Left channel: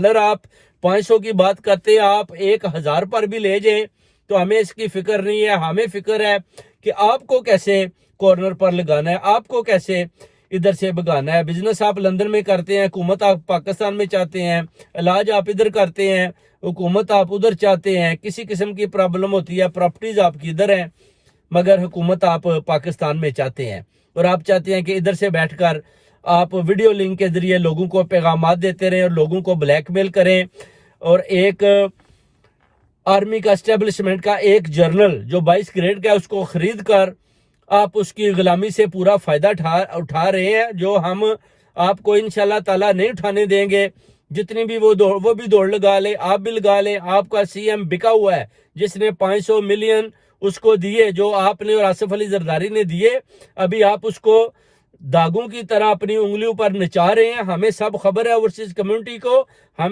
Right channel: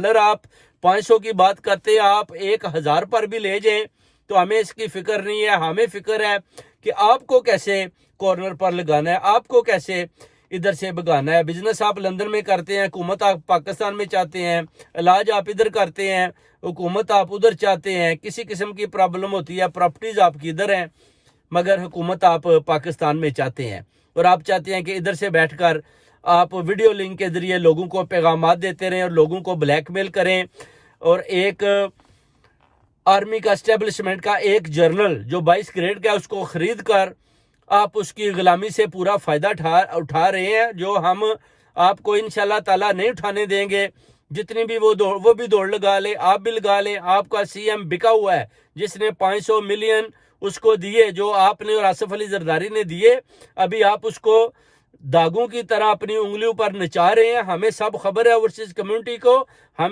اگر آپ 500 کی بات کرتے ہیں، آپ 1000 پر بھی لے جائیں تو ہمیں اس کی فکر نہیں ہے. ہمیں فکر ہے کہ آپ کو کیسے کارنر پر لگانا ہے، آپ کو کیسے ادھر سے بگانا ہے. بزنس آپ لندن میں کرتے ہیں، حکومت آپ پاکستان میں چاہتے ہیں، علاج آپ ادھر کرتے ہیں، حکومت آپ ادھر چاہتے ہیں. کسی قسم کی پرابلم ہوتی ہے، پراپرٹیز آپ کی ادھر ہیں مگر حکومت آپ پاکستان میں چاہتے ہیں، اور آپ چاہتے ہیں کہ ادھر سے بیٹھ کر آپ ویڈیو لنک کے ذریعے لوگوں کو پیغامات دیتے رہیں اور لوگوں کو بلیک میل کریں، اور ایک آرمی کا اسٹیبلشمنٹ کا ایک جرنل جو 22 گریڈ کا ہے اس کو خرید کر آپ اس کی غلامی سے پورا فائدہ اٹھا رہے ہیں، جو ہم آپ کو انشاءاللہ تعالی نہیں اٹھانے دیں گے. جتنی بھی وہ بھی دوڑ لگا لے، آپ بھی لگا لیں. آپ کا سی ایم بکا ہوا ہے جس نے 500 ملین اس کو دیے، جو آپ نے اور آصف علی زرداری نے دیے. ابھی آپ اس کو داغوں کی طرح اپنی انگلیوں پر نچا رہے ہیں. ہمیں سب خبر ہے اوورسیز کمیونٹی کو. ہمیں